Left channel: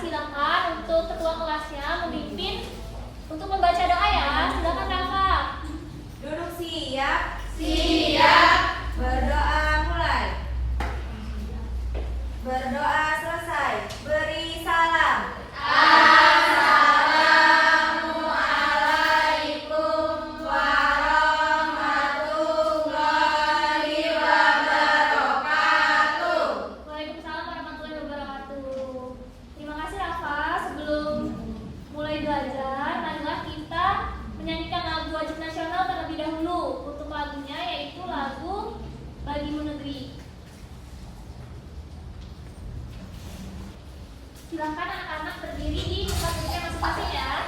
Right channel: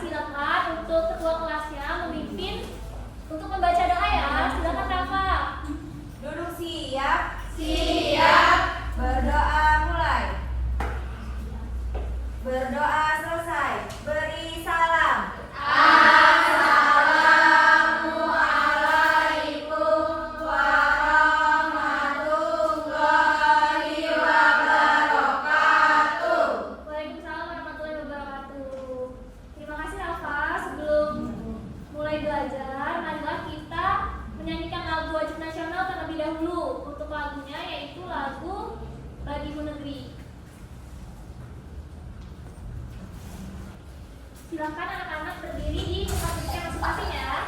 silakan untuk ketua kelasnya memimpin untuk membaca doa ya. Silakan Rafa. Duduk siap. Siap. Berdoa mulai. Berdoa selesai. Beri salam. Assalamualaikum warahmatullahi wabarakatuh. Waalaikumsalam warahmatullahi wabarakatuh. Terima kasih Rafa. Sebelum mulai belajar, marilah kita menyanyikan lagu wajib nasional terlebih dahulu. Untuk lagunya yaitu lagu Bagimu Negeri. Silakan anak-anak berdiri di tempat duduknya masing-masing ya.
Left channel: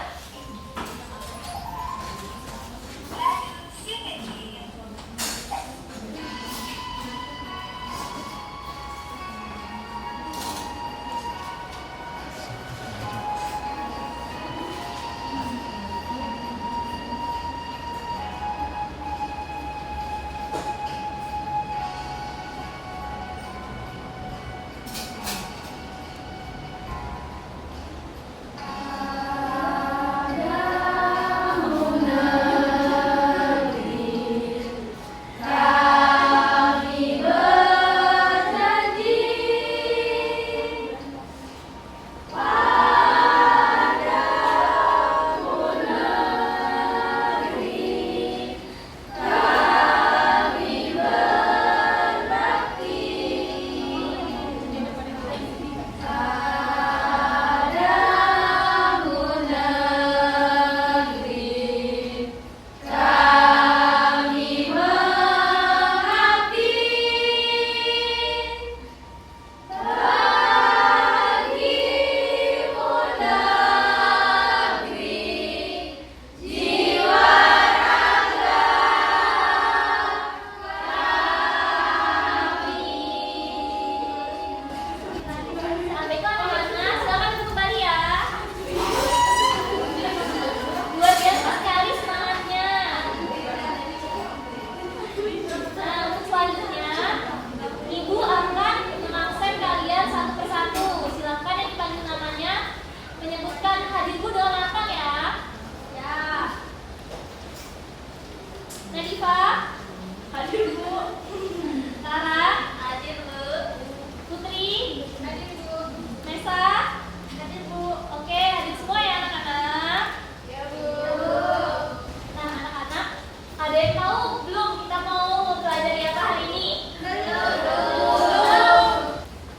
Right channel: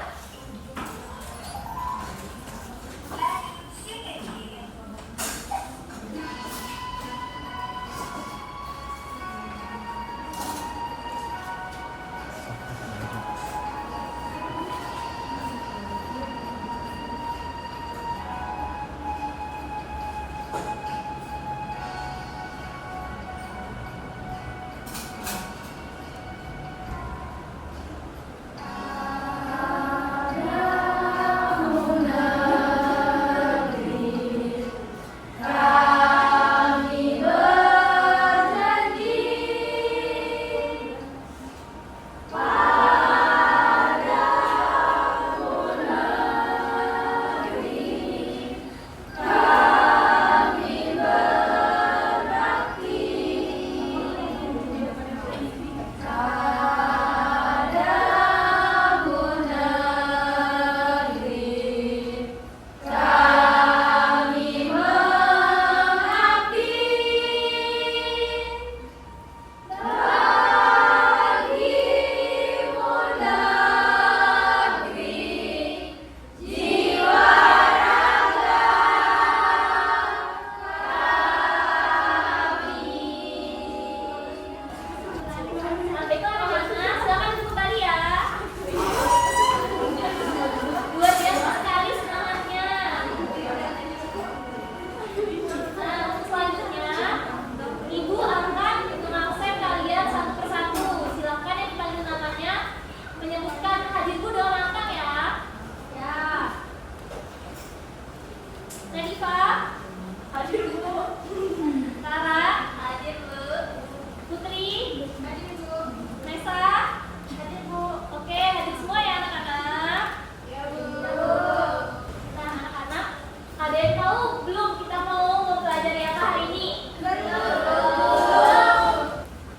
Baiklah anak-anak, silakan duduk kembali ya. Luar biasa sekali semangatnya. Nah, untuk selanjutnya, Ibu akan mengabsen kalian satu persatu. Silakan yang dipanggil namanya menyebutkan hadir Bu dengan lantang ya. Ya. Nadifa, hadir Bu. Tara, hadir Bu. Putri, hadir Bu. Nesa, hadir Bu. Oke, hadir semua ya anak-anak. Ya, Bu. Nah, anak-anak, ada yang tahu belum kita mau mempelajari apa hari ini? Belum.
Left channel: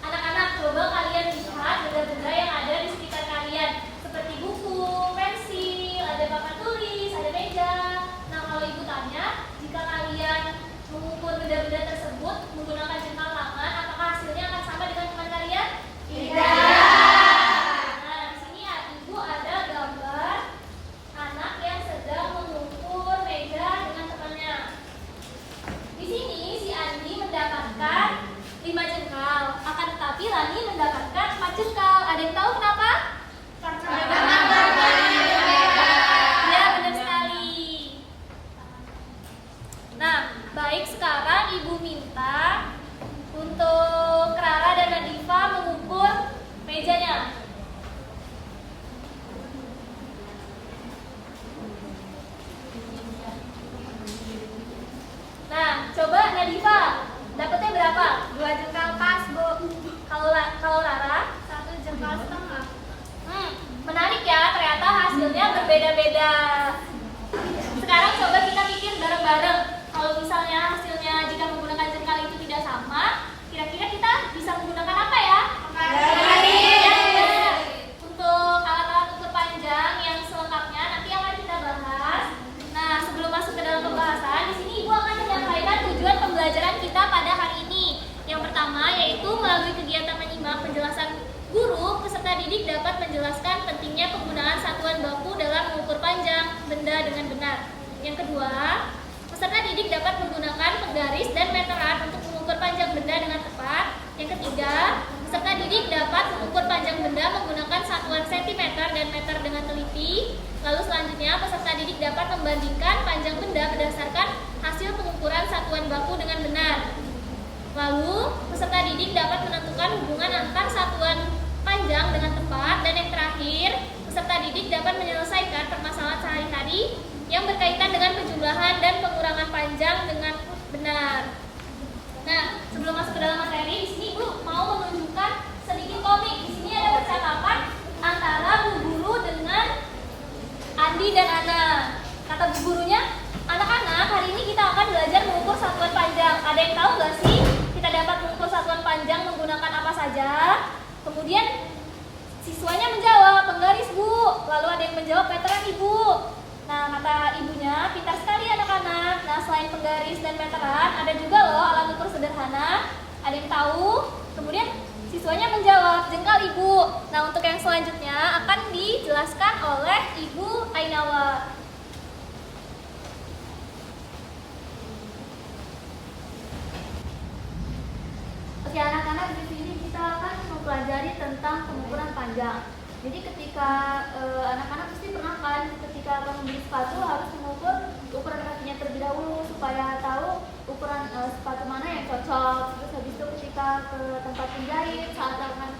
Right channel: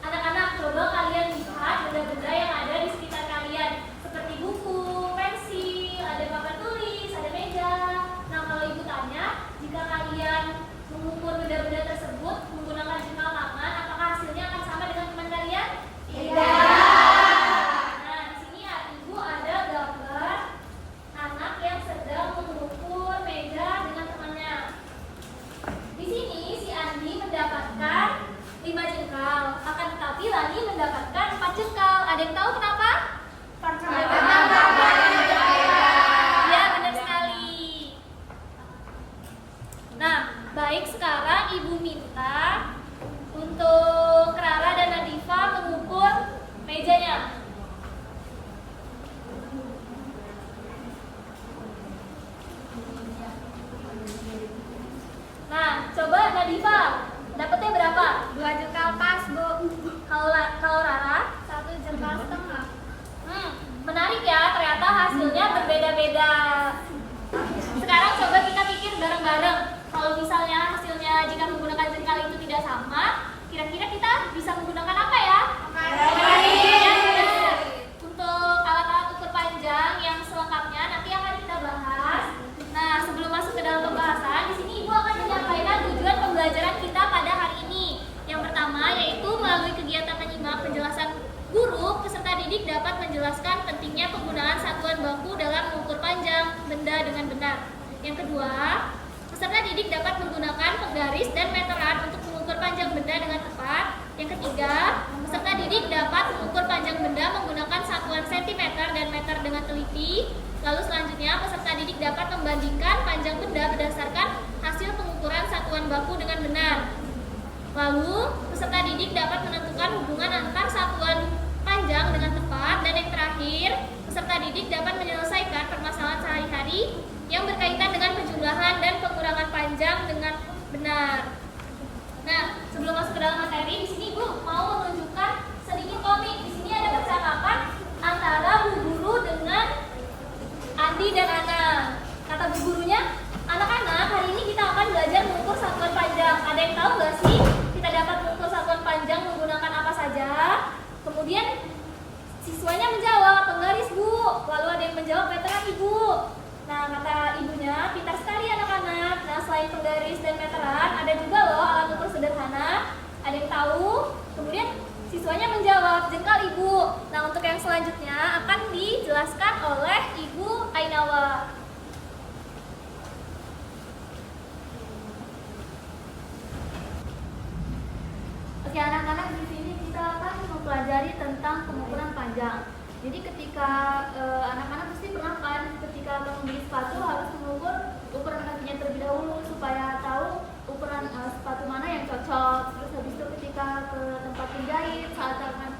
Anak-anak, coba kalian lihat benda-benda yang ada di sekitar kalian, seperti buku, pensil, ada papan tulis, ada meja. Nah, kalau ibu tanya, jika kalian mengukur benda-benda tersebut menggunakan jengkal tangan, apakah hasilnya akan sama dengan teman kalian? Nah, di sini ya, ibu ada gambar anak yang sedang mengukur meja dengan temannya. Di sini si Andi mendapatkan 5 jengkal, akan tetapi Lani mendapatkan 4 jengkal. Ada yang tahu kenapa? Ya, benar sekali. Nah, baik, sekarang ibu minta untuk Rara dan Nadifa mengukur mejanya. Nah, coba Nadifa, dapetnya berapa? 2 jengkal pas, Bu. Kalau Rara? 1 jengkal setengah. Menarik ya, ternyata hasilnya berbeda-beda. Sekarang coba kita pikir bareng-bareng. Kalau misalnya hasilnya jika menggunakan jengkal itu tidak sama, kira-kira kita bisa menggunakan apa ya? Ya, benar. Untuk alat-alat ukur panjang yang selengkapnya nanti akan kita bahas. Nah, sebelum masuk ke dalam pembahasan, di sini Ibu akan menyampaikan tujuan pembelajaran kita pada hari ini. Yang pertama yaitu melalui kegiatan menyimak penjelasan guru, peserta didik dapat menjelaskan pentingnya penggunaan satuan baku dalam mengukur panjang benda dengan benar. Yang kedua, peserta didik dapat menggunakan penggaris dan meteran untuk mengukur panjang benda dengan tepat. Yang ketiga, peserta didik dapat mengukur panjang benda menggunakan satuan sentimeter dan meter dengan teliti. Lalu selanjutnya, peserta didik dapat membandingkan panjang benda berdasarkan hasil pengukuran satuan baku dengan benar. Lalu, peserta didik dapat menentukan hubungan antar satuan panjang dengan tepat terakhir, peserta didik dapat menyelesaikan permasalahan sehari-hari yang berkaitan dengan penjumlahan dan pengurangan panjang dengan benar. Nah, sebelum masuk ke dalam materi, di sini Ibu mau menunjukkan sedikit komik. Di sini ada percakapan antara Bu Guru dengan Andi dan Ana. Kata Bu Gurunya, anak-anak, hari ini kita akan belajar mengukur satuan panjang. Ada yang tahu nggak sih kita dapat mengukur satuan panjang menggunakan apa saja? Kemudian siswanya menjawab, penggaris Bu. Lalu ada yang menjawab, meteran Ibu. Nah, kata ibunya, pintar sekali anak-anak. Nah, selain penggaris dan meteran, ada juga loh alat ukur sederhana. Ada yang tahu? Kemudian siswanya menjawab, jengkal Ibu. Nah, untuk yang selanjutnya akan dijelaskan oleh Ibu Ainawa. Oke anak-anak, di sini kita akan mempelajari tentang pengukuran panjang. Jadi ketika anak-anak pasti pernah kan ketika akan membeli sepatu harus mengukur ukuran kakinya terlebih dahulu supaya tahu ukuran sepatu mana yang cocok. Terus habis itu ketika ke tempat penjahit saat akan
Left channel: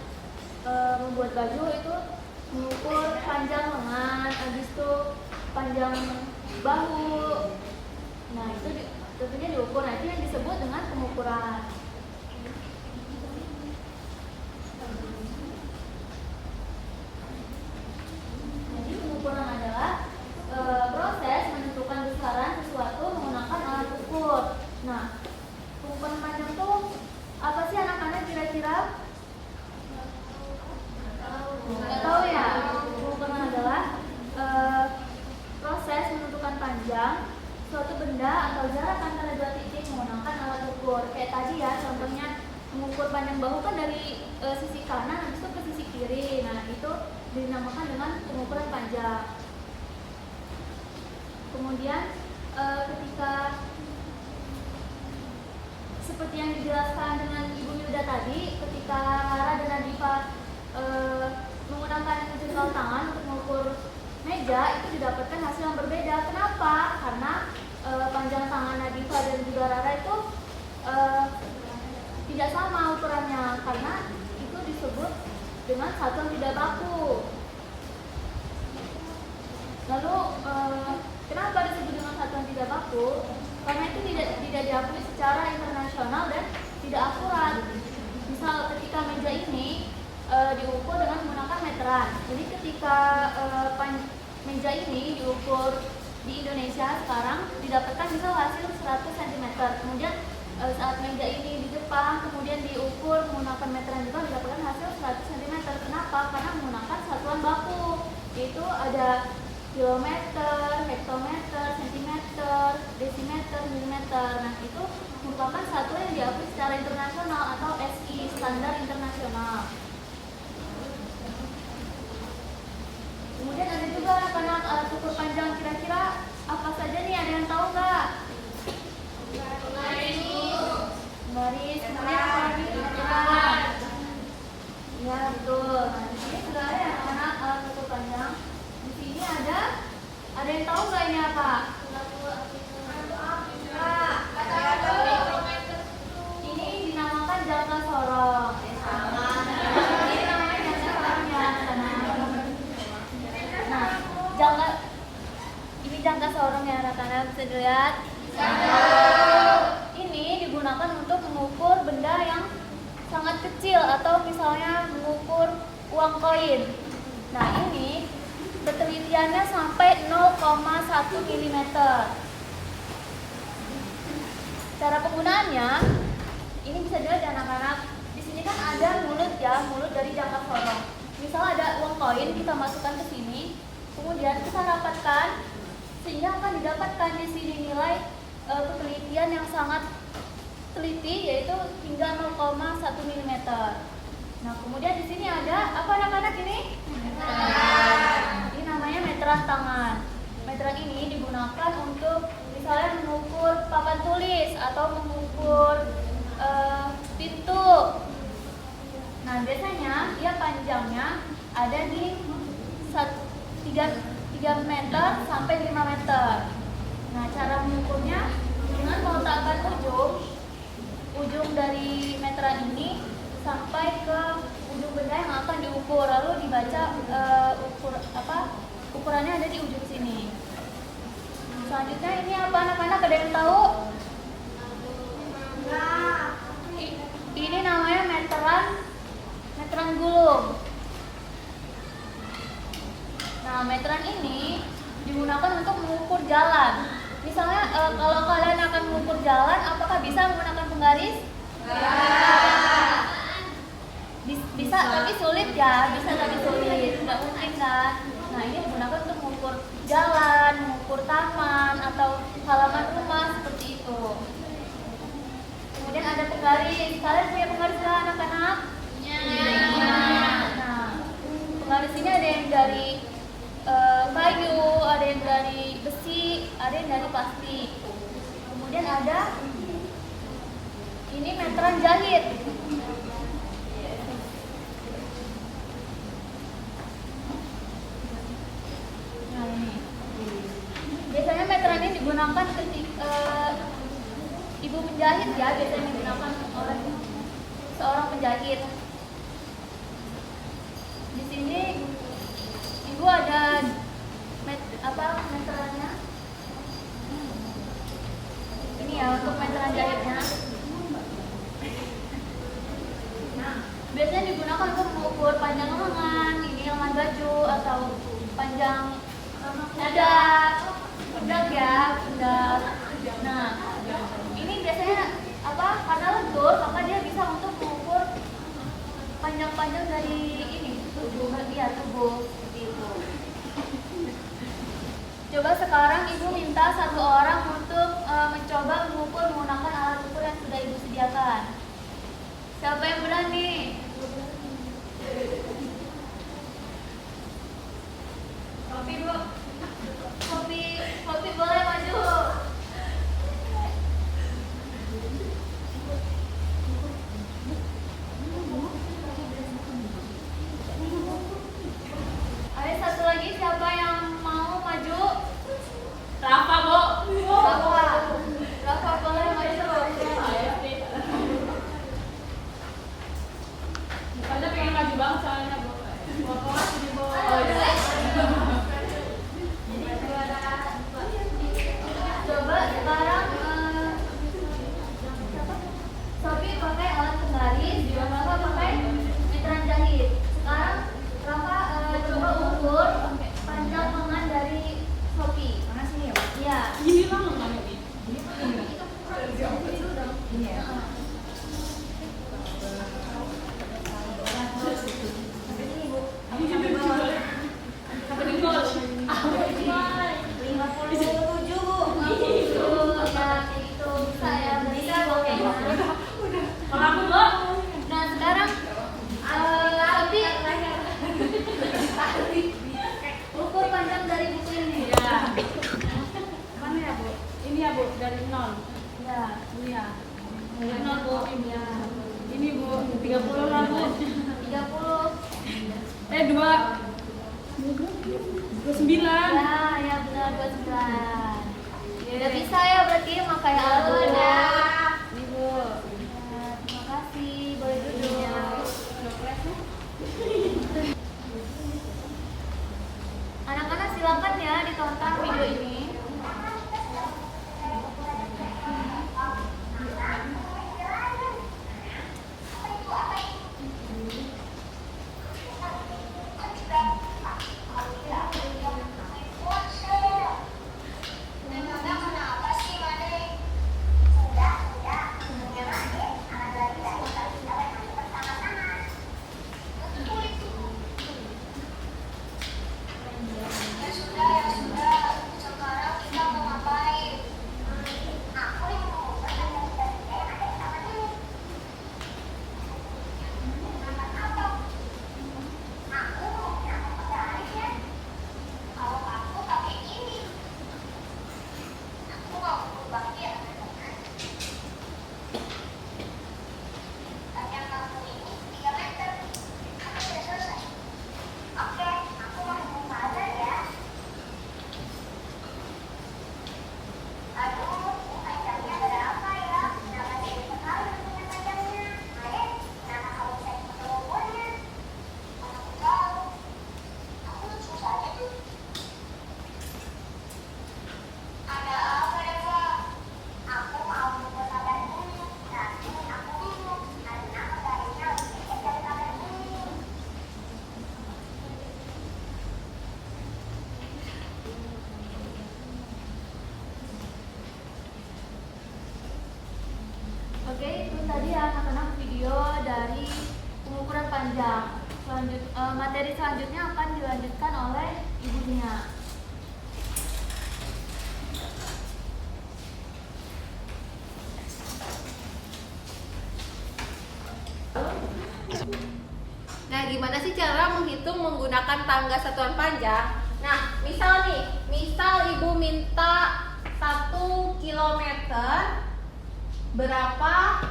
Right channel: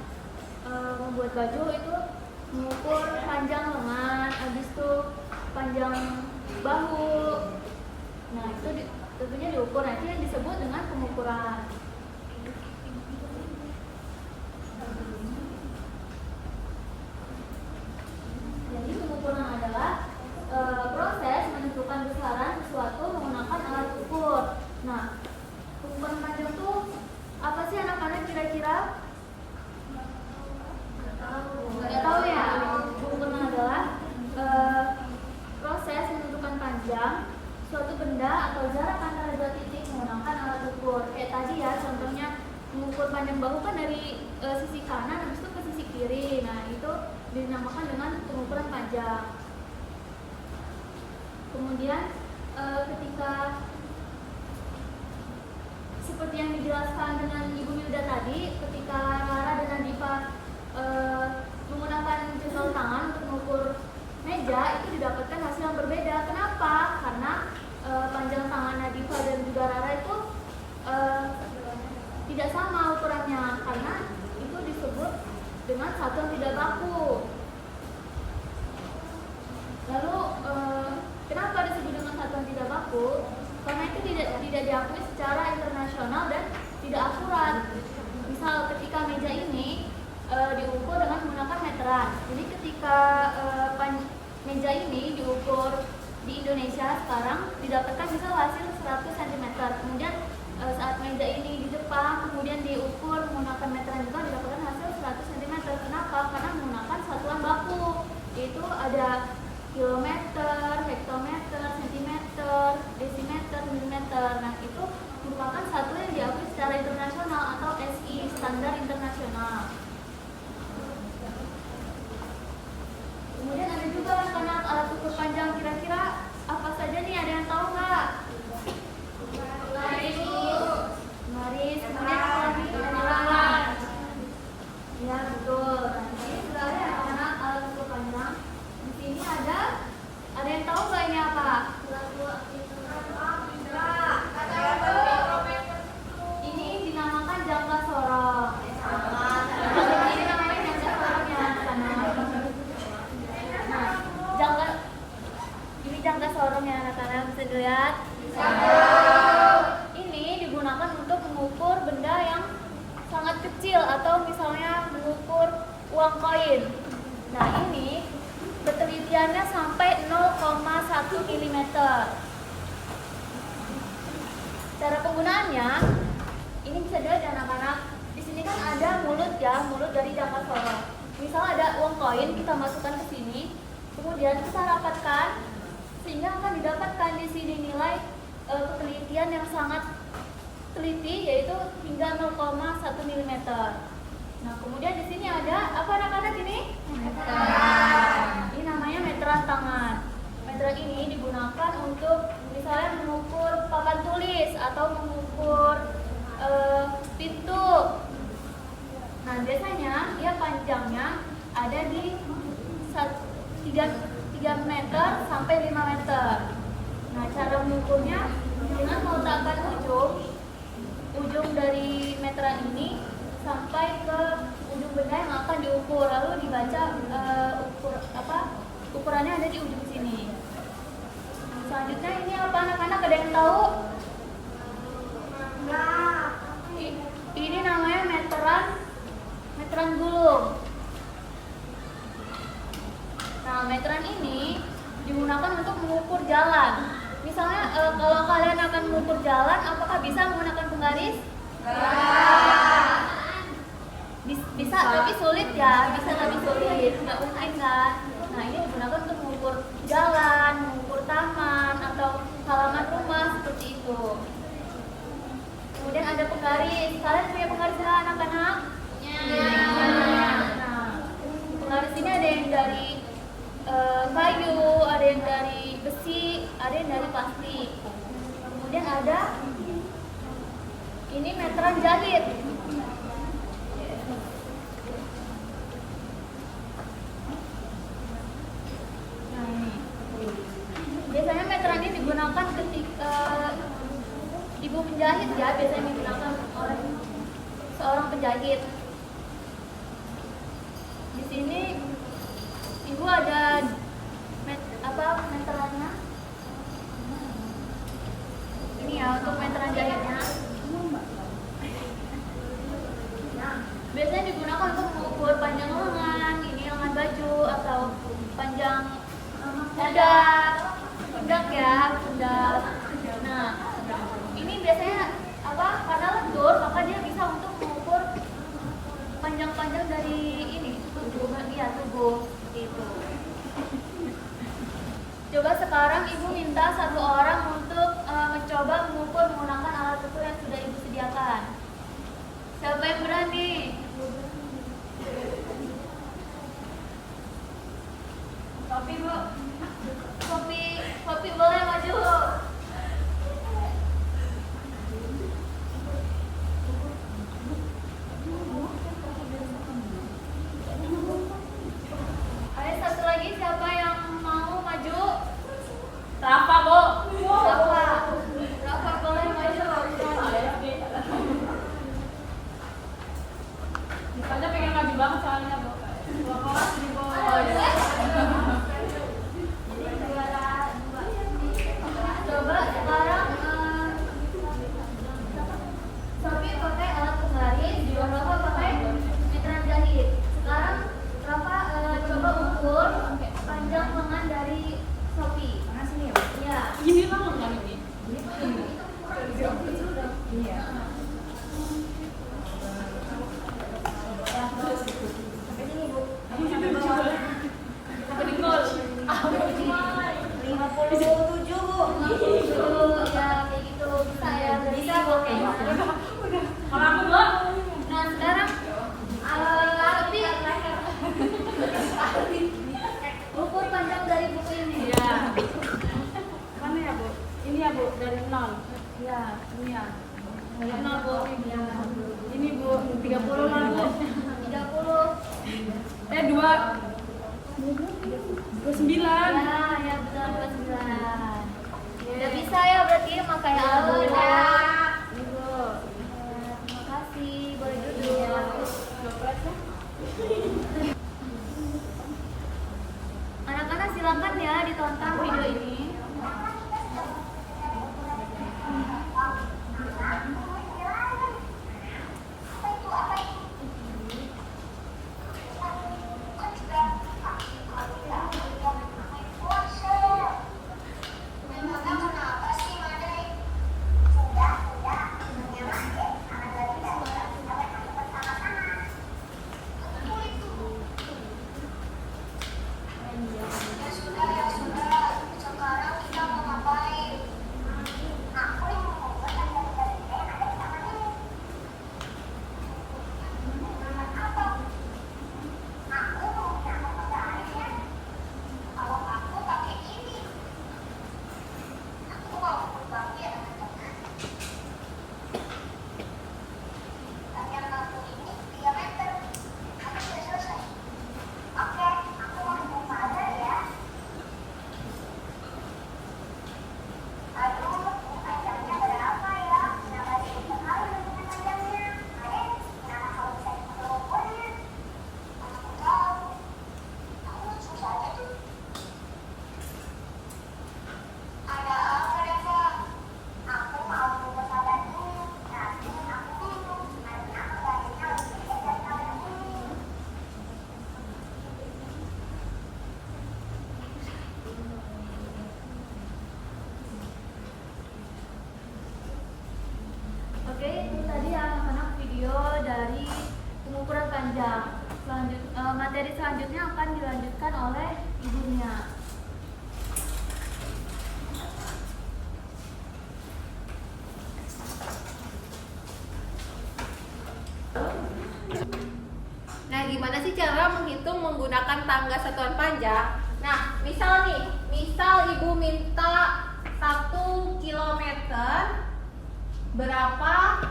membuat baju itu mengukur panjang lengan, habis itu panjang bahu. Nah itu tentunya diukur. Nah itu yang disebut dengan pengukuran. Jadi pengukuran adalah proses menentukan besaran sesuatu menggunakan alat ukur. Nah, pengukuran panjang itu apa sih anak-anak kira-kira? Nggak tahu ya. Pengukuran adalah proses menentukan panjang suatu benda atau jarak antara dua titik menggunakan alat ukur. Kayak tadi ya, contohnya mengukur panjang bahu kan dari sisi kanan habis itu ke sisi kiri. Nah, itu dinamakan dengan pengukuran panjang. Kemudian ketika seperti yang dijelaskan dengan Ibu Milda tadi, ketika Rara dan Nadifa menggunakan jempol tangan untuk mengukur meja, itu didapatkan hasil yang berbeda. Kenapa? Karena panjang tangan Nadifa dan juga Rara itu tidak sama ukurannya, karena itu disebut dengan satuan tidak baku. Lalu kenapa disebut dengan satuan tidak baku? Karena itu tidak diakui secara internasional dan tidak akurat. Misal ketika meja ini diukur dengan menggunakan meteran. Jadi ketika meja ini diukur di Indonesia sekarang didapatkan misal hasil 100 cm. Kemudian saat meja ini di Jepang kemudian diukur menggunakan meteran juga didapatkan hasil 100 cm. Kenapa? Karena menggunakan satuan baku, yaitu ada kilometer, hektometer, sentimeter, desimeter, milimeter. Nah, itu merupakan satuan yang diakui secara internasional atau SI, standar internasional. Kemudian ada juga anak-anak alat ukur panjang, kira-kira apa saja nih, ada yang tahu nggak? Garis, kemudian apa lagi? Meteran. Ya betul. Nah, di sini sudah ada anak-anak alat ukur panjang. Di sini ada yang tahu nggak ini apa? Ini dinamakan jangka sorong. Ini namanya jangka sorong ya anak-anak. Nah, ini jangka sorong ya anak-anak, bisa dilihat. Ini digunakan untuk mengukur benda yang sangat kecil atau misalnya mengukur uang koin. Nah, ini ketelitiannya sampai 0,1 mm. Cara penggunaannya ini bisa dilihat ya anak-anak. Di sini kan ada mulut ya, mulut dari jangka sorong. Misal ada uang koin, kita masukkan ke sini, kemudian kita rapatkan sehingga akan didapatkan di sini nilai ketelitian yang sangat teliti, yaitu hingga 0,1 mm. Nah, kemudian di sini ada apa anak-anak ini? Ini namanya meteran tangan. Meteran ini digunakan untuk misalnya mengukur papan tulis atau mengukur pintu. Nah, biasanya dia panjangnya ada di 3 meter sampai 5 meter. Nah, cara mengukurnya dengan meletakkan ujung dari meteran ini sampai ke ujung benda yang akan diukur, lalu dibaca ukurannya ada di ujung sini. Selanjutnya ini apa anak-anak, ada yang tahu? Ini namanya meteran gulung. Nah, meteran ini digunakan untuk mengukur jalan. Misalnya kalau kalian akan mengukur jalan, apakah bisa menggunakan penggaris? Bisa, tapi sulit ya. Bisa tapi sulit, nggak mungkin kan? Nah, ini digunakan untuk mengukur jalan, mengukur taman atau halaman rumah seperti itu. Kemudian ada penggaris. Kalian punya penggaris nggak anak-anak? Nah, penggaris ini ada yang dari kayu, ada yang dari besi, ada yang dari plastik. Kemudian ada ini meteran jahit. Nah, ini biasanya meteran ini digunakan ketika ibu penjahit ya, biasanya digunakan oleh seorang penjahit. Di sini ibu ada meterannya. Ini ya untuk meteran jahitnya. Biasanya digunakan untuk mengukur panjang lengan, ini lengan baju atau panjang pundak ya, pundak. Nah, ini biasanya karena lentur maka dia bisa untuk mengukur panjang-panjang dari ini tubuh seperti itu. Coba sekarang ibu minta satu orang untuk mencoba mengukur menggunakan alat ukur yang sudah ibu sediakan. Siapa yang berani? Sopi bu, Sopi boleh maju. Ada satu lagi, siapa yang mau maju? Rafa bu. Rafa boleh maju. Ada pengen maju banget soalnya bu. Oh, ya. Coba sekarang Sophie pakai alat penggaris, Rafa pakai meteran jahit. Sekarang Rafa coba ukur panjang lengan dari Sophie. Mana sini ya? Iya. Ini lah lengan ini. Iya. Sampai sini bu. Sampai bawah. Sampai dengkul. 57 bu. 57 ya kayak gitu bisa ya. Bisa pakai. Kalau aku bu. Nah sekarang Sophie ukur panjang dari buku ini. Iya. Mana ya bu? Ini ya bu, dari 0. Ya. Ini ya. Dari 0 bu. Ya. Ini bu, 30 lah bu. 30. 29. Ya benar 29. Udah bisa ya berarti pakai alat ukur. Ini bu. Ya, terima kasih. Boleh duduk. Anak-anak silakan ya ditonton video ini. panjang. Materi selanjutnya akan dilanjutkan oleh Ibu Nia. Nah, gimana sih cara menghitung menggunakan tangga satuan panjang? Nah, misal Ibu minta 1 kilometer berapa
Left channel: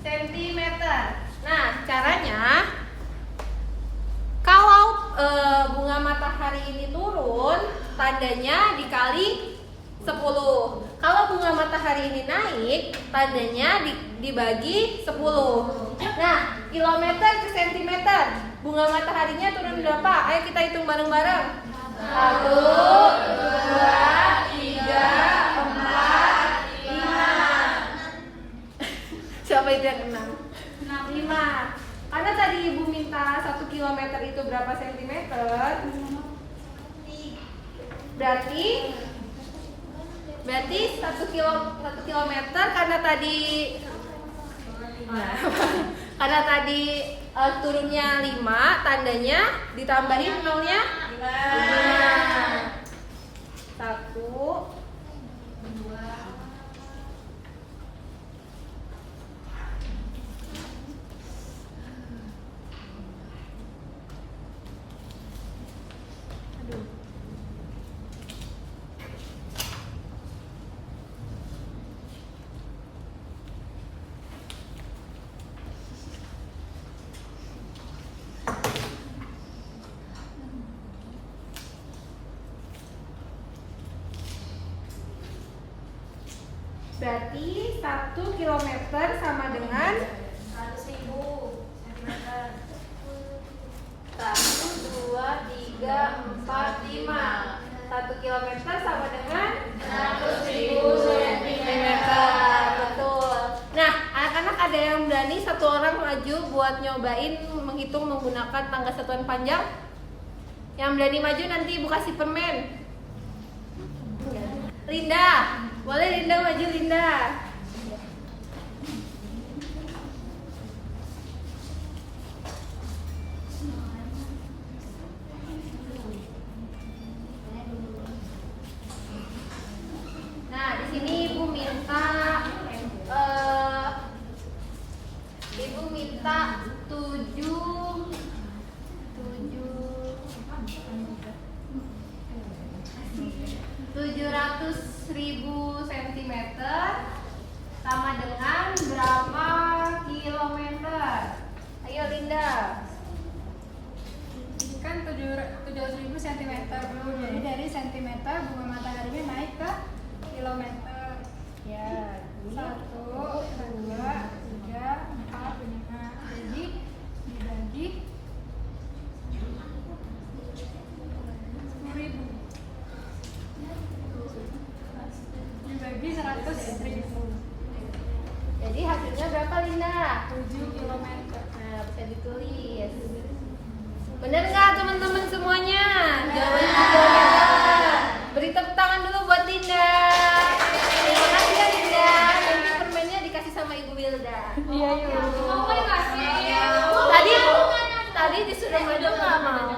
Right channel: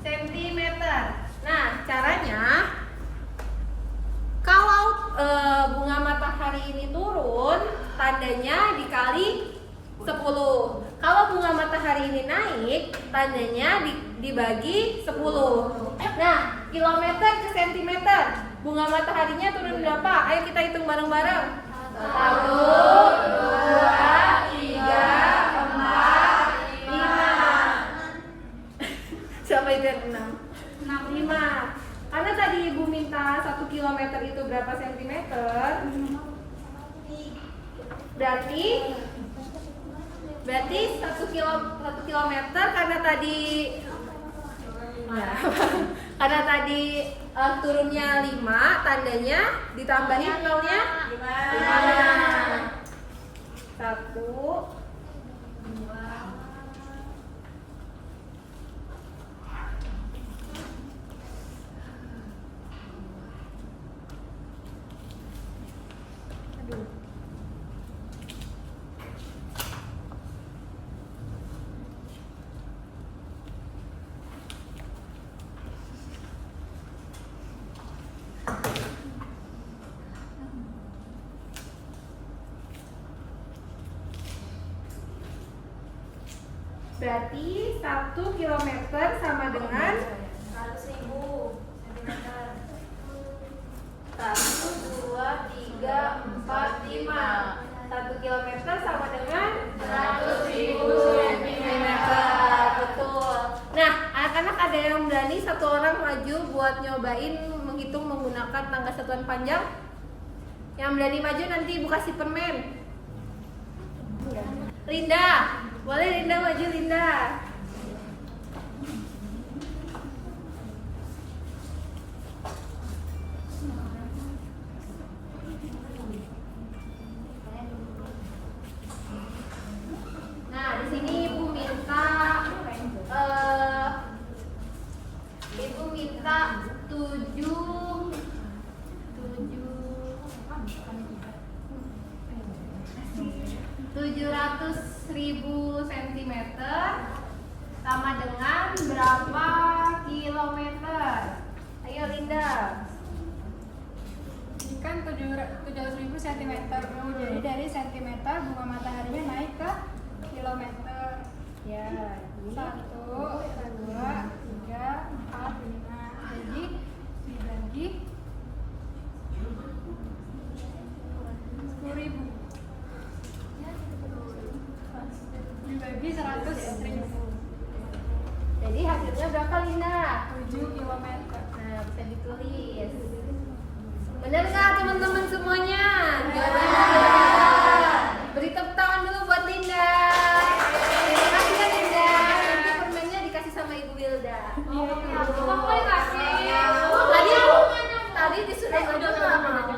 sentimeter? Nah, caranya kalau bunga matahari ini turun, tandanya dikali 10. Kalau bunga matahari ini naik, tandanya dibagi 10. Nah, kilometer ke sentimeter. Bunga mataharinya turun berapa? Ayo kita hitung bareng-bareng. 1, 2, 3, 4, 5. Siapa itu yang 6? 5. Karena tadi Ibu minta 1 kilometer itu berapa sentimeter? Berarti 1 kilometer karena tadi turunnya 5, tandanya ditambahin nolnya 5. 1, 2. Berarti 1 kilometer sama dengan 100.000 cm. 1, 2, 3, 4, 5. 1 kilometer sama dengan 100.000 cm. Betul. Nah, anak-anak ada yang berani satu orang maju buat nyobain menghitung menggunakan tangga satuan panjang? Yang berani maju nanti Ibu kasih permen. Linda, boleh Linda maju Linda. Nah, di sini Ibu minta 700.000 cm sama dengan berapa kilometer? Ayo Linda. Kan 700.000 cm. Jadi dari centimeter bunga mataharinya naik ke kilometer. Ya, 1, 2, 3, 4, 5. Jadi dibagi 10.000. Dibagi 100.000. jadi hasilnya berapa Linda? 7 km. Nah, bisa ditulis. Bener nggak teman-teman semuanya? Jawabannya 7 kilometer. Beri tepuk tangan dulu buat Linda. Terima kasih ya Linda. Nanti permennya dikasih sama Ibu Wilda. Iya. Tadi disuruh maju nggak mau.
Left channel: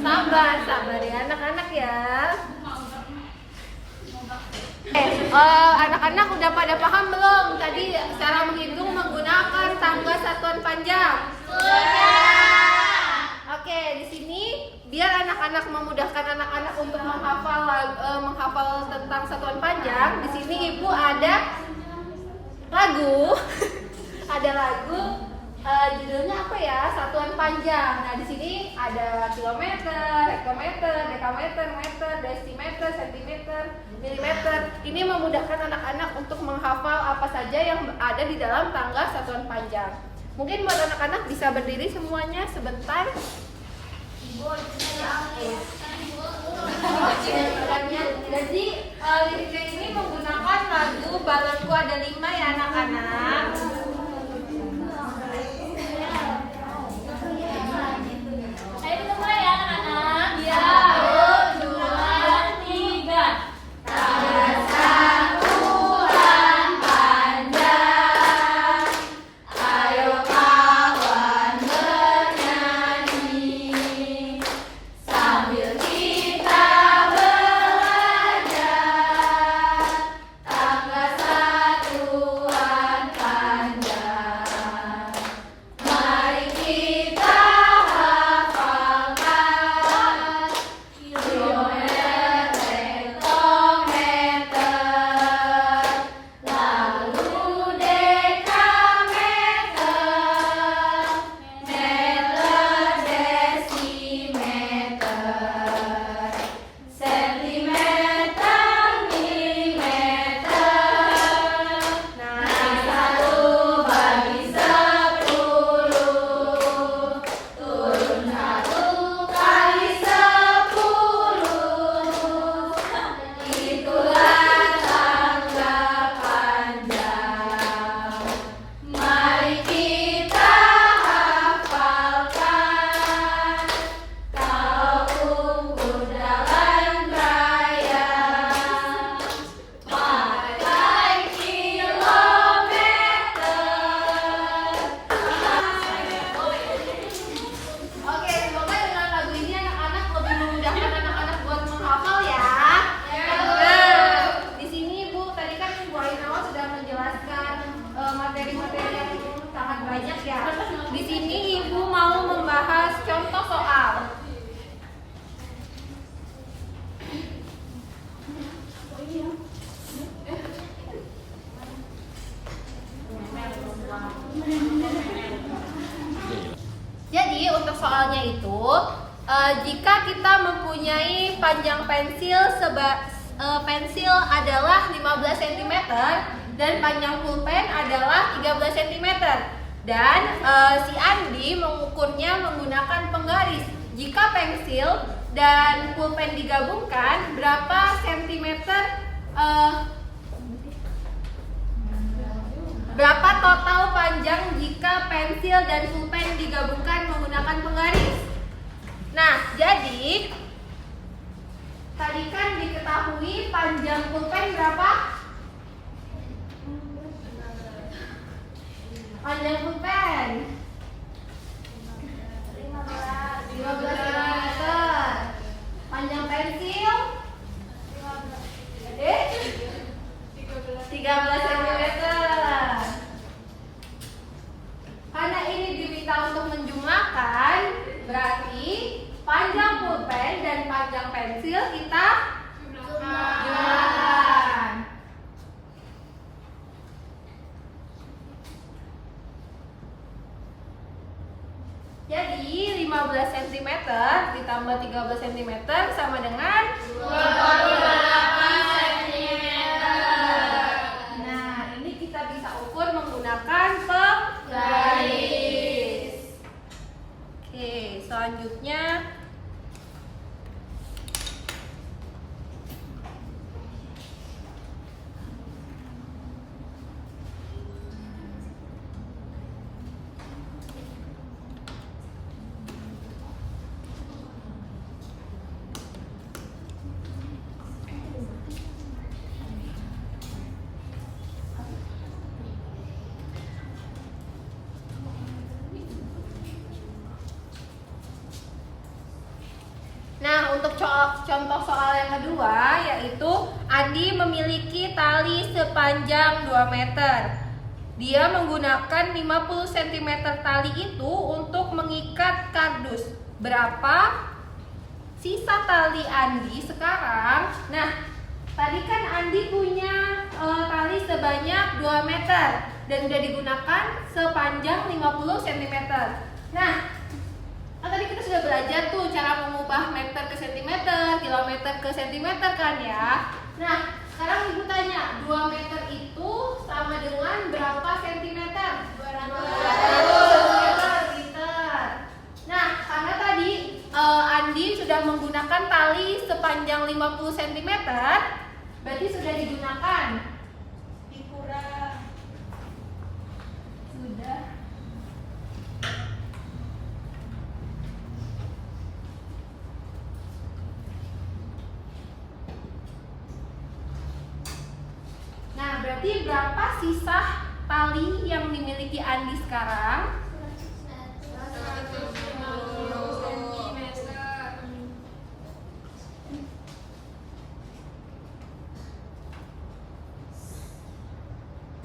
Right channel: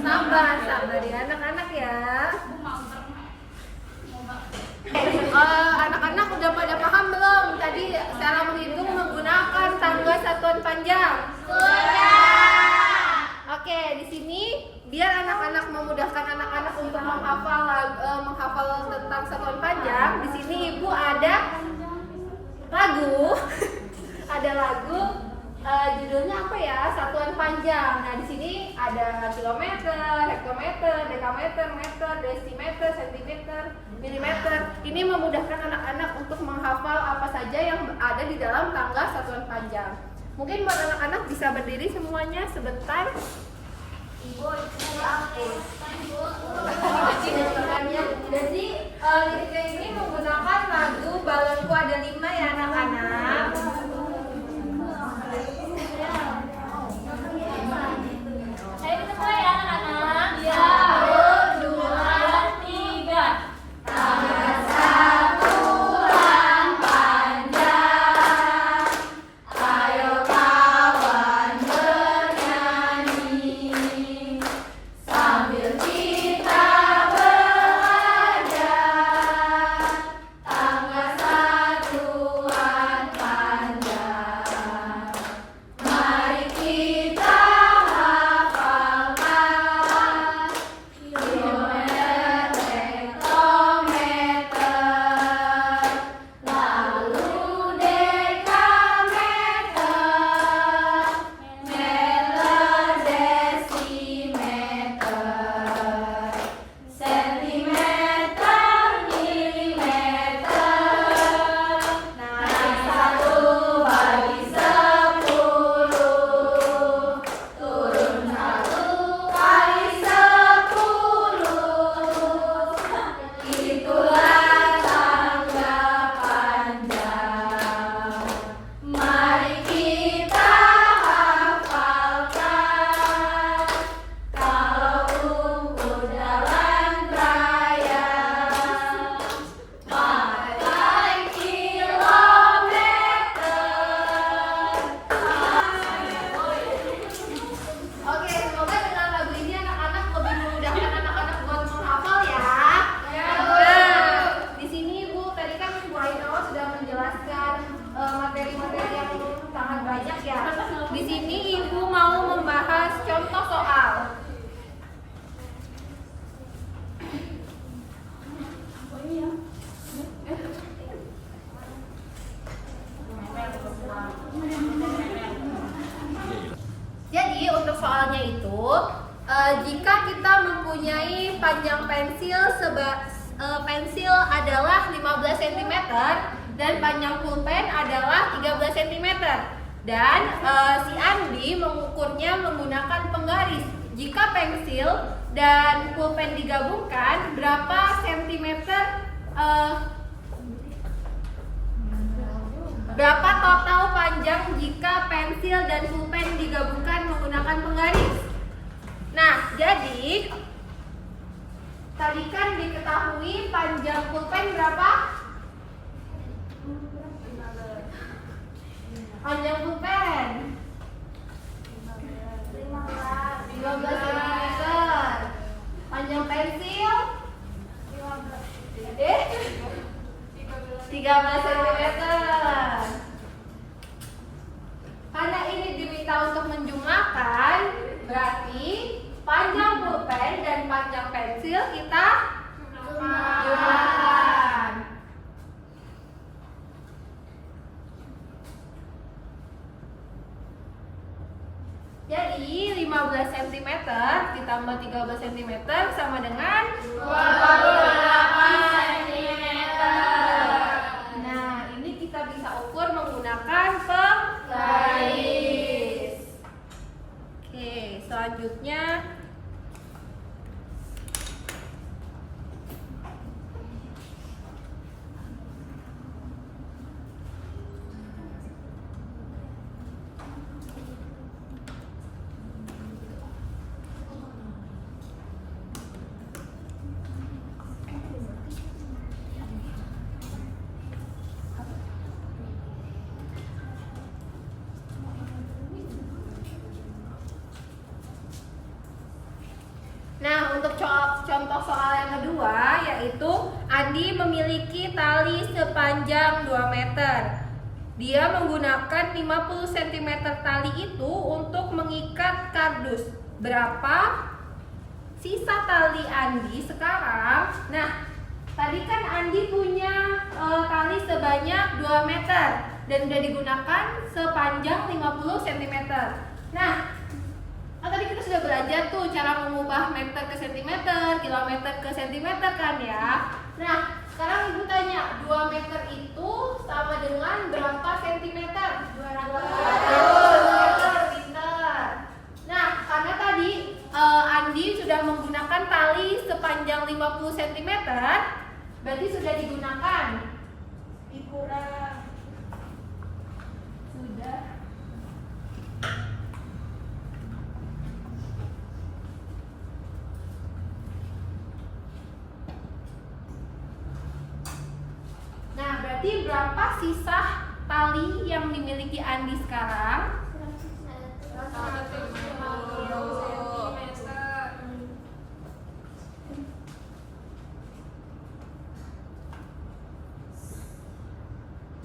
Sabar ya anak-anak ya. Anak-anak udah pada paham belum tadi cara menghitung menggunakan tangga satuan panjang? Oke, di sini biar anak-anak memudahkan anak-anak untuk menghafal tentang satuan panjang. Di sini Ibu ada lagu, ada lagu judulnya apa ya? Satuan panjang. Nah, di sini ada kilometer, hektometer, dekameter, meter, desimeter, sentimeter, milimeter. Ini memudahkan anak-anak untuk menghafal apa saja yang ada di dalam tangga satuan panjang. Mungkin buat anak-anak bisa berdiri semuanya sebentar. Jadi liriknya ini menggunakan lagu Balonku Ada 5 ya anak-anak. Ayo kita mulai ya anak-anak. 1, 2, 3. Tangga satuan panjang, ayo kawan ya. Di sini Ibu mau membahas contoh soal. Jadi untuk soalnya itu, jika kita mempunyai panjang pensil adalah 15 cm dan panjang pulpen adalah 13 cm. Dan si Andi mengukurnya menggunakan penggaris. Jika pensil dan pulpen digabungkan, berapa sentimeter? Berapa total panjang jika pensil dan pulpen digabungkan menggunakan penggaris? Nah, jadi tadi kan diketahui panjang pulpen berapa? Panjang pulpen 15 cm. Panjang pensil 13 cm. Karena ini diminta untuk menjumlahkan, berarti panjang pulpen dan panjang pensil kita jumlahkan. Jadi 15 cm ditambah 13 cm sama dengan 28 cm. Nah, ini kita bisa ukur menggunakan penggaris. Oke, selanjutnya untuk contoh soal yang kedua, yaitu Andi memiliki tali sepanjang 2 meter. Dia menggunakan 50 cm tali itu untuk mengikat kardus. Berapa sisa tali Andi sekarang? Nah, tadi kan Andi punya tali sebanyak 2 meter dan sudah digunakan sepanjang 50 cm. Nah, tadi kita sudah belajar tuh cara mengubah meter ke sentimeter, kilometer ke sentimeter kan ya. Nah, sekarang Ibu tanya, 2 meter itu sama dengan berapa sentimeter? 200 cm, pintar. Nah, karena tadi Andi sudah menggunakan tali sepanjang 50 cm, berarti sudah digunakan. Dikurang. Sudah. Nah, berarti berapa sisa tali yang dimiliki Andi sekarang?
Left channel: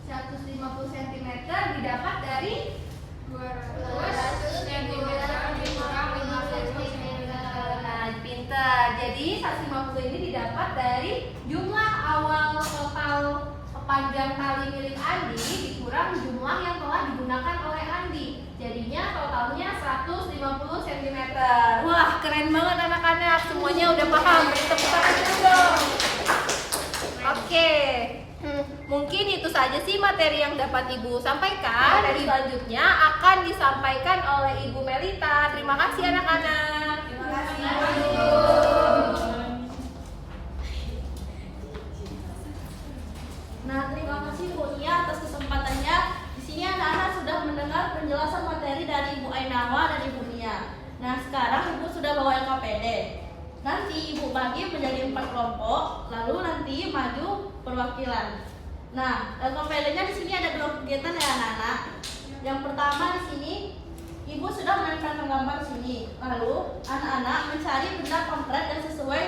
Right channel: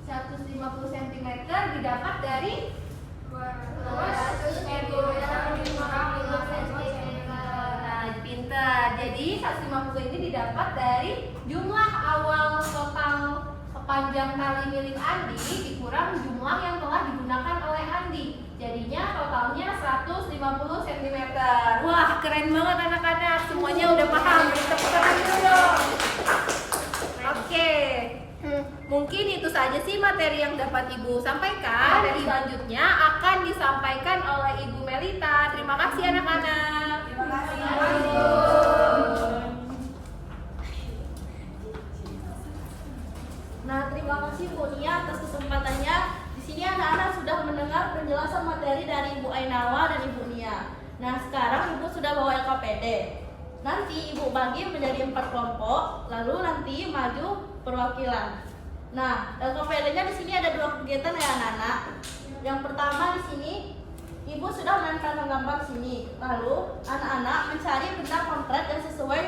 150 cm didapat dari 200 cm dikurang 50 cm. Nah, pintar. Jadi 150 ini didapat dari jumlah awal total panjang tali milik Andi dikurang jumlah yang telah digunakan oleh Andi. Jadinya totalnya 150 cm. Wah, keren banget anak-anak. Semuanya udah paham. Beri tepuk tangan dulu dong. Oke. Mungkin itu saja sih materi yang dapat Ibu sampaikan. Materi selanjutnya akan disampaikan oleh Ibu Melita. Terima kasih anak-anak. Terima kasih. Nah, terima kasih Bu Nia atas kesempatannya. Di sini anak-anak sudah mendengar penjelasan materi dari Ibu Ainawa dan Ibu Nia. Nah, sekarang Ibu sudah bawa LKPD. Nanti Ibu bagi menjadi 4 kelompok, lalu nanti maju perwakilan. Nah, LKPD-nya di sini ada 2 kegiatan ya anak-anak. Yang pertama di sini Ibu sudah menempelkan gambar di sini. Lalu anak-anak mencari benda konkret yang sesuai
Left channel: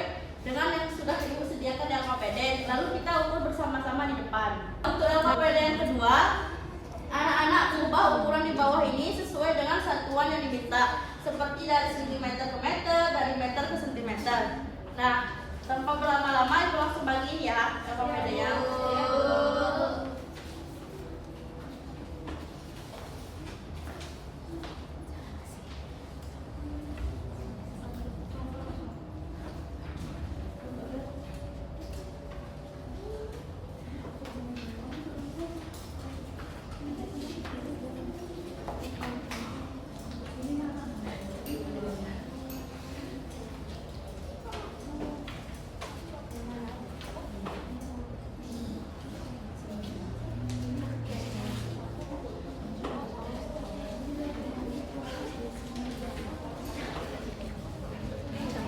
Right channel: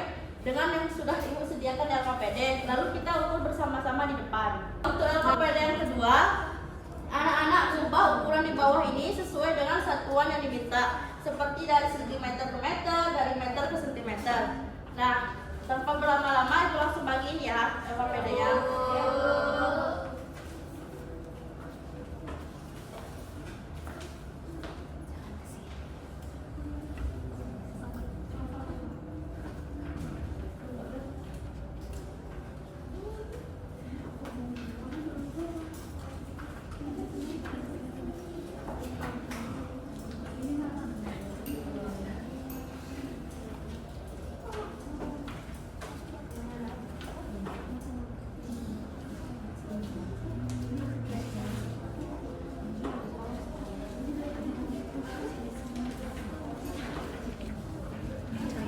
dengan yang sudah Ibu sediakan di LKPD. Lalu kita ukur bersama-sama di depan. Untuk LKPD yang kedua, Anak-anak mengubah ukuran di bawah ini sesuai dengan satuan yang diminta, seperti dari sentimeter ke meter, dari meter ke sentimeter. Nah, tanpa berlama-lama itu langsung bagiin ya LKPD-nya.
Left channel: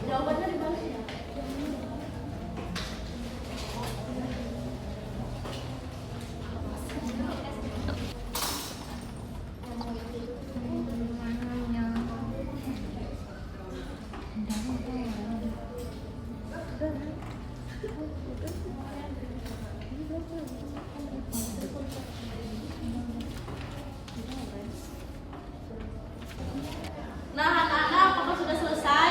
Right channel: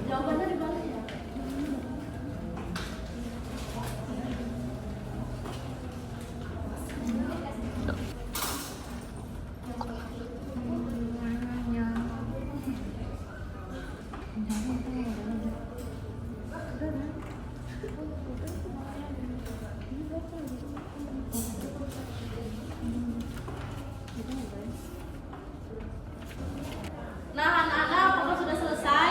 Jawabannya dibalas ya. Nah, anak-anak, apakah sudah selesai?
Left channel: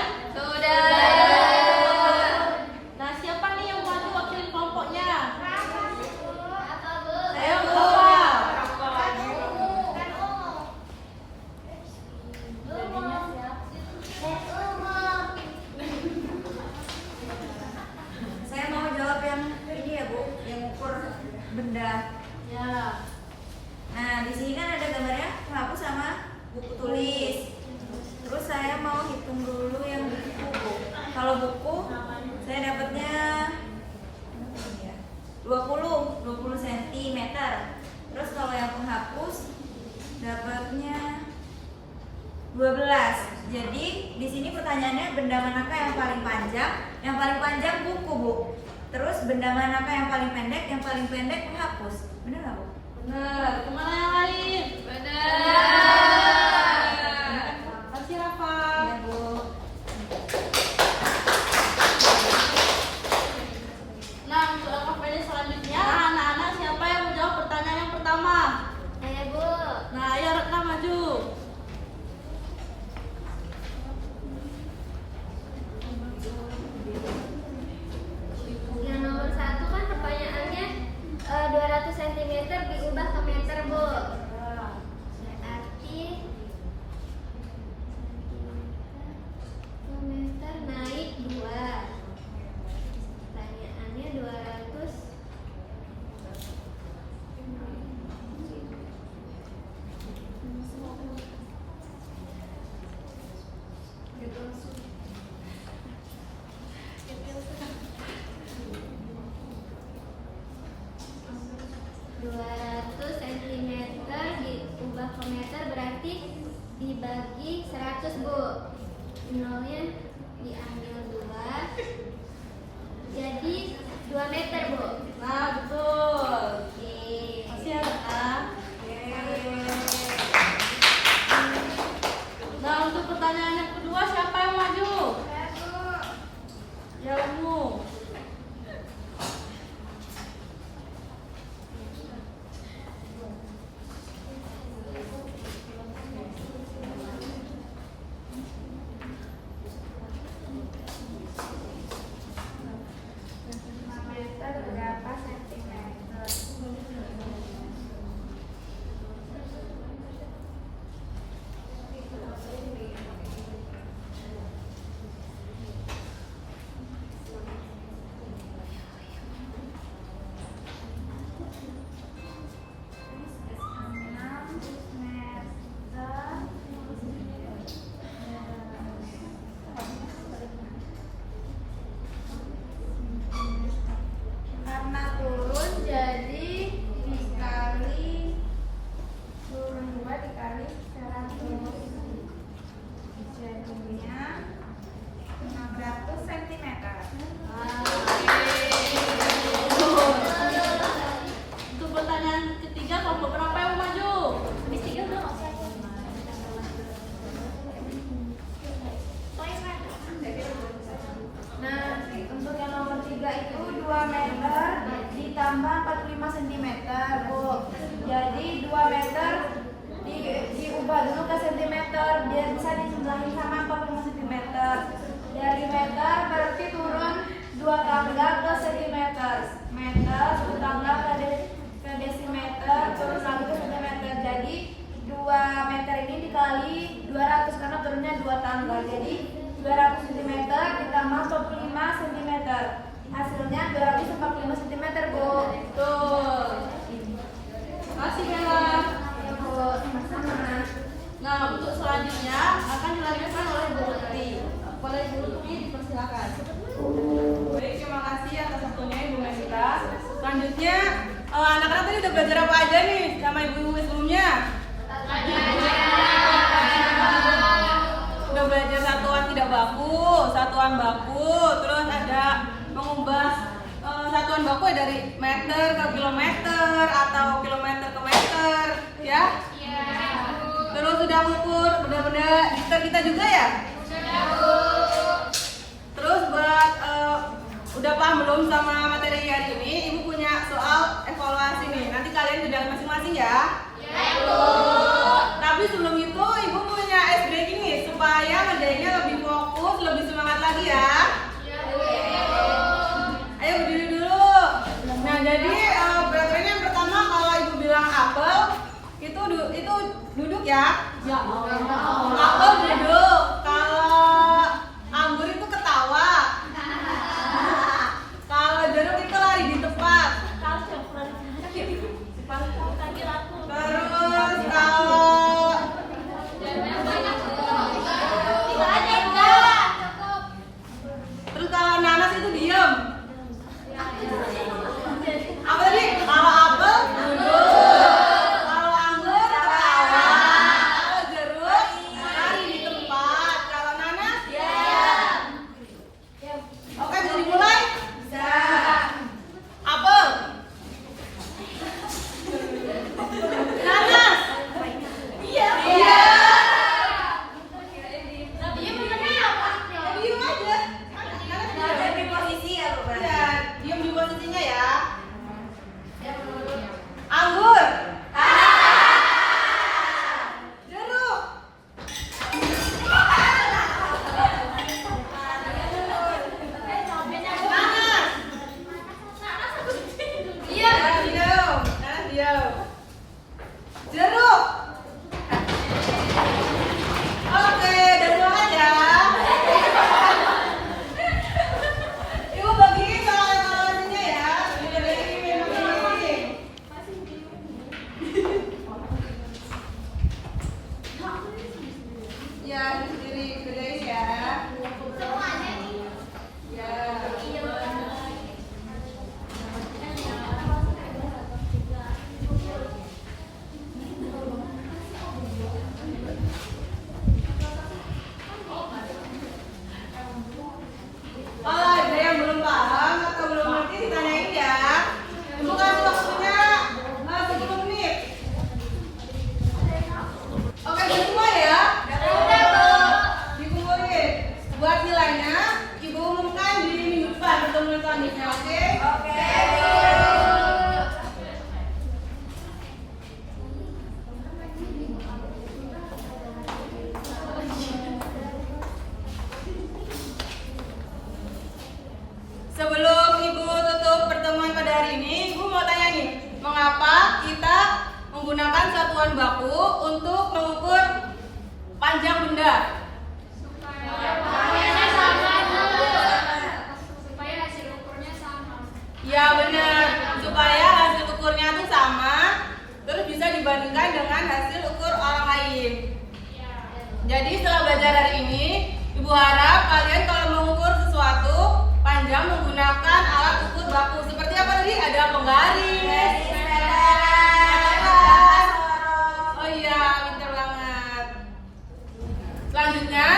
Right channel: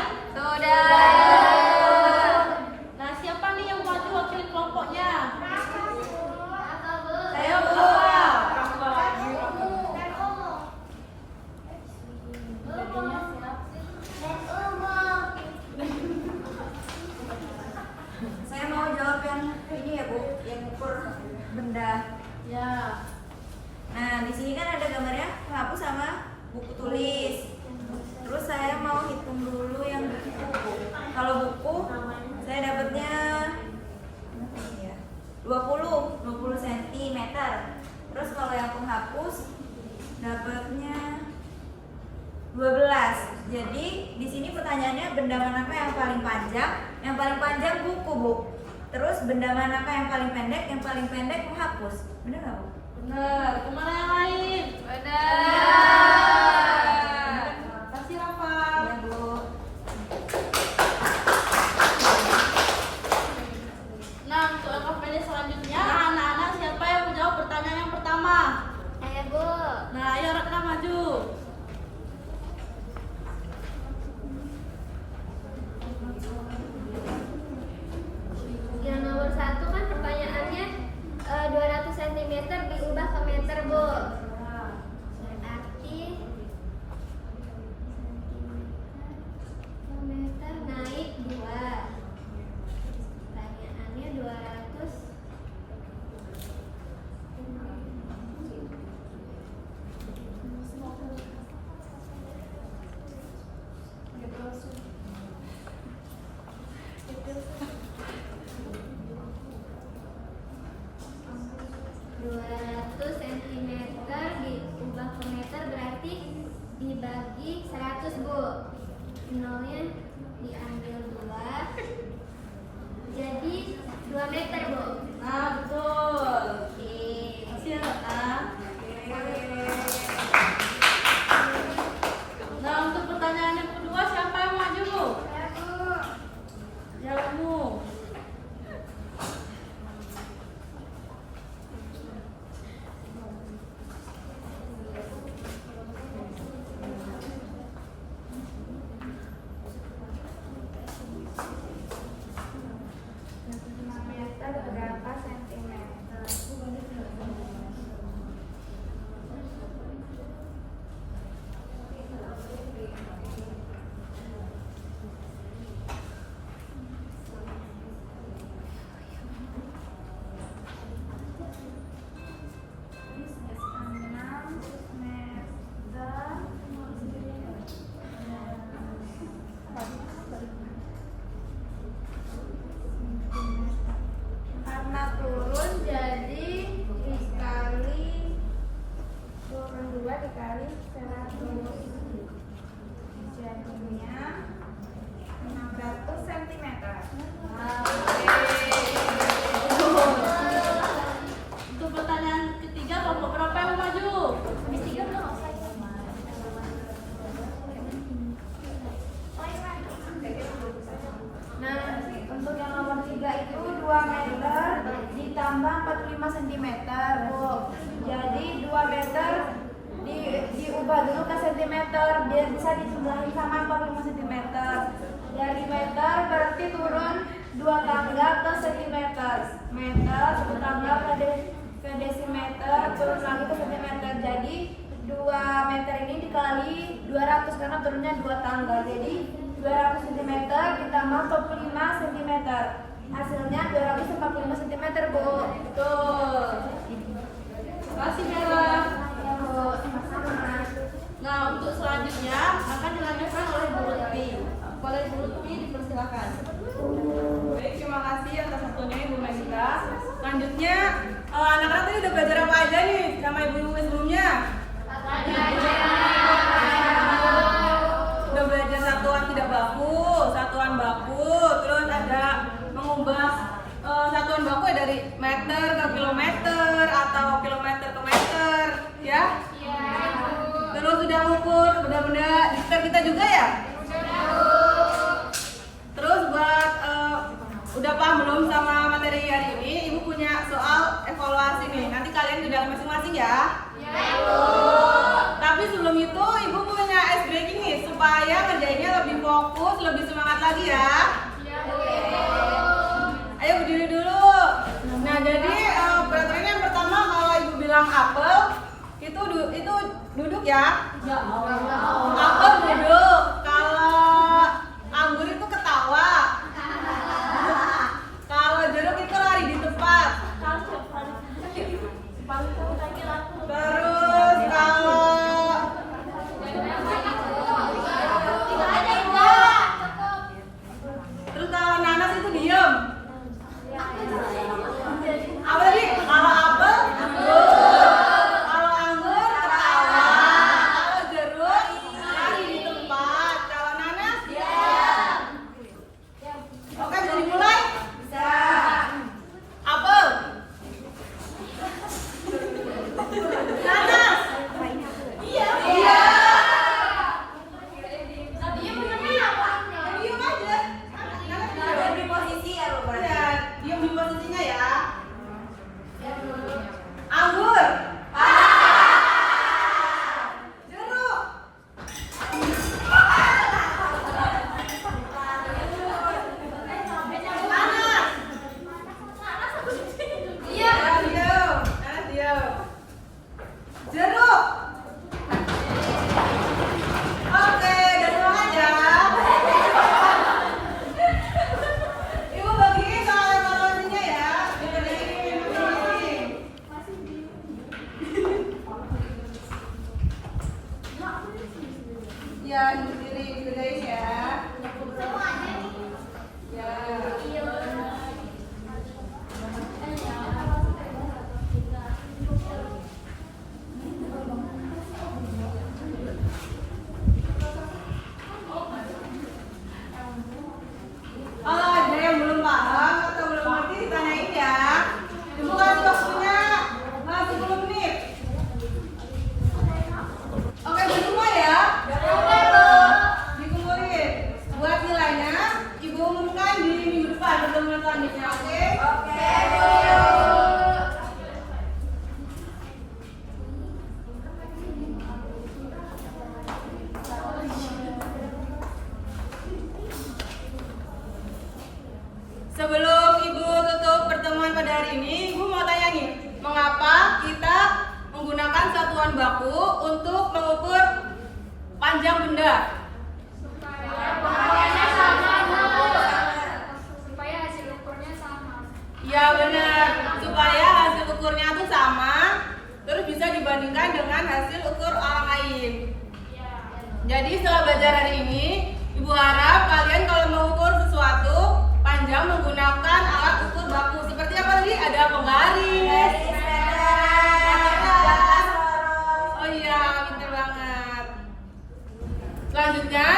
Nah, siapa nih yang maju wakilin kelompoknya? Ayo, Bapak. Jadinya siap. Saya mau jawab yang ini ya Bu, yang ukur benda. Ya. Nah, di sini kan ada gambarnya penghapus sama buku tulis. Terus saya mau hitung dulu yang buku. Kalau buku saya dapatnya 20 cm. Terus kalau yang penghapus dapatnya 12. Jadi di sini pertanyaannya benda manakah yang paling panjang? Yang paling panjang buku, Bu. Terus benda manakah yang paling pendek? Yang paling pendek penghapus. Benar nggak, Bu? Benar. Kemana yang lain? Benar. Kasih Rafa. Iya, Bu. Nah, untuk LKPD selanjutnya, anak-anak siapa yang menjawab pertanyaan yang pertama? Ayo Bu. Nah, ayo Ratna maju. Yang nomor 1 kan pertanyaannya 200 cm diubah ke meter Bu. Berarti ke meter naik 2. Pertanyaannya 200 cm diubah ke meter berarti dibagi 100 Bu. Nolnya diambil 2. Jadi 2 meter Bu. Nah, betul. Oke. Kasih ya Ratna. Nah, untuk pertanyaan yang kedua, siapa yang maju? Ya, Umu. Berapa sentimeter? Karena turun jadi dikali turun 2 dikali 100. Jadinya 600 cm. Untuk pertanyaan ketiga, kelompok berapa yang mau maju? Habis 3 udah nggak usah ya. Nah, untuk yang nomor 3 itu 2 meter ditambah 45 cm, Bu. Jadi 2 meter diubah dulu ke cm biar bisa dijumlahin sama 45 cm. Dari meter berarti turun 2 tangga ke centimeter. Meter 1 tangga ke desimeter, turun lagi ke centimeter. Jadi 2 meter ini dikali 200 karena turunnya 2 tangga. Jadi 200 cm ditambah 45 cm. Hasilnya 245 cm, Bu. Tuh. Makasih Bella. Nah, untuk selanjutnya akan dilanjutkan oleh Bu Lutfi. Boleh Bu Lutfi dipersilakan. Baik, terima kasih atas waktunya Ibu Megita. Selanjutnya, anak-anak tadi udah belajar apa aja nih sama ibu-ibu sebelumnya? Udah belajar satuan tidak baku, satuan baku, terus ada mengubah satuan baku ya dari meter ke kilometer atau kilometer ke meter, ya? Terus sudah mengukur benda-benda di sekitar kita juga ya? Terus buat udah paham belum sama materi hari ini? Ibu punya soal evaluasi nih. Nanti kalian sudah masing-masing ya? Tapi sebelum itu Ibu punya ice breaking nih supaya ngerjainnya lebih fokus, lebih semangat lagi ya. Ayo berdiri dulu. Nah, jadi peraturannya yang pertama kalau Ibu bilang apel itu duduk ya. Apel duduk. Kalau anggur itu ketawa. Kalau jeruk itu lari di tempat. Terus kalau nanas itu diam. Apa tadi? Kalau apel duduk. Kalau anggur ketawa. Kalau jeruk lari di tempat. Kalau nanas diam. Oke, bisa dimulai? Bisa. Apel. Nanas. Iya. Iya. Diam aja. Nanas diam di posisi ya, Bu. Iya, diam di posisinya ya. Anggur. Jeruk. Nanas. Iya, diam. Nanas diam. Jeruk. Oke, udah semangat ya. Ibu bagiin soal evaluasinya ya. Dibagiin. Ya, sendiri kerjain ya. Ya. Ada yang belum paham atau belum ngerti ditanyain ya. Ibu kasih waktunya 10 menit. Oke, udah semua ya? Dikumpulin. Buat nilainya Ibu umumkan di minggu depan pertemuan selanjutnya, oke? Oke. Sebelum Ibu tutup pertemuan pada hari ini, Ibu mau tanya nih, mengapa kita menggunakan satuan baku untuk mengukur panjang benda? Ya benar, supaya hasil ukurnya tuh sama, terus bisa dibandingkan dengan hasil ukur orang lain. Jadi setelah belajar hari ini, Ibu harap kalian kalau mengukur sesuatu panjang menggunakan alat ukur baku. Seperti apa tadi? Ada penggaris, oh iya, pintar banget. Selanjutnya,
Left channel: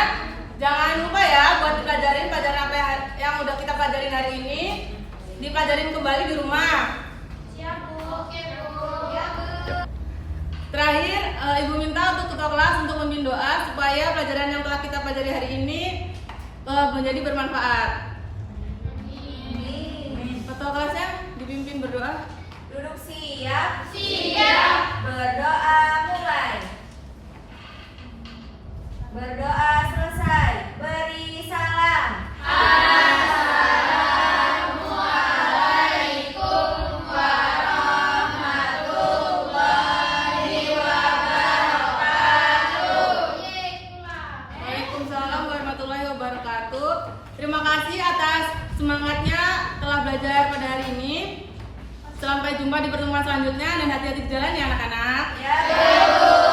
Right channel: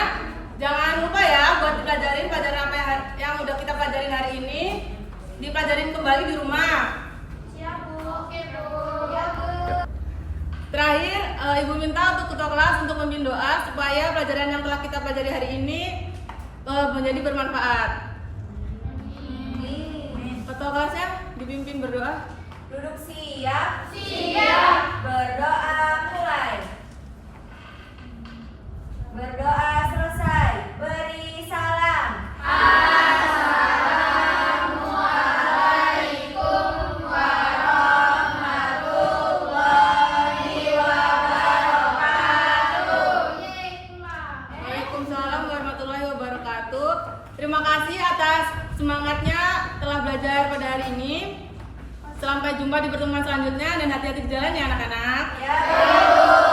jangan lupa ya buat dipelajarin pelajaran apa yang udah kita pelajarin hari ini, dipelajarin kembali di rumah. Siap, Bu. Oke, Bu. Terakhir, Ibu minta untuk ketua kelas untuk memimpin doa supaya pelajaran yang telah kita pelajari hari ini menjadi bermanfaat. Ketua kelasnya dipimpin berdoa. Duduk siap. Siap. Berdoa mulai. Berdoa selesai. Beri salam. Assalamualaikum warahmatullahi wabarakatuh. Waalaikumsalam warahmatullahi wabarakatuh. Terima kasih atas semangatnya telah belajar pada hari ini. Sampai jumpa di pertemuan selanjutnya dan hati-hati di jalan ya anak-anak. Ya, Bu.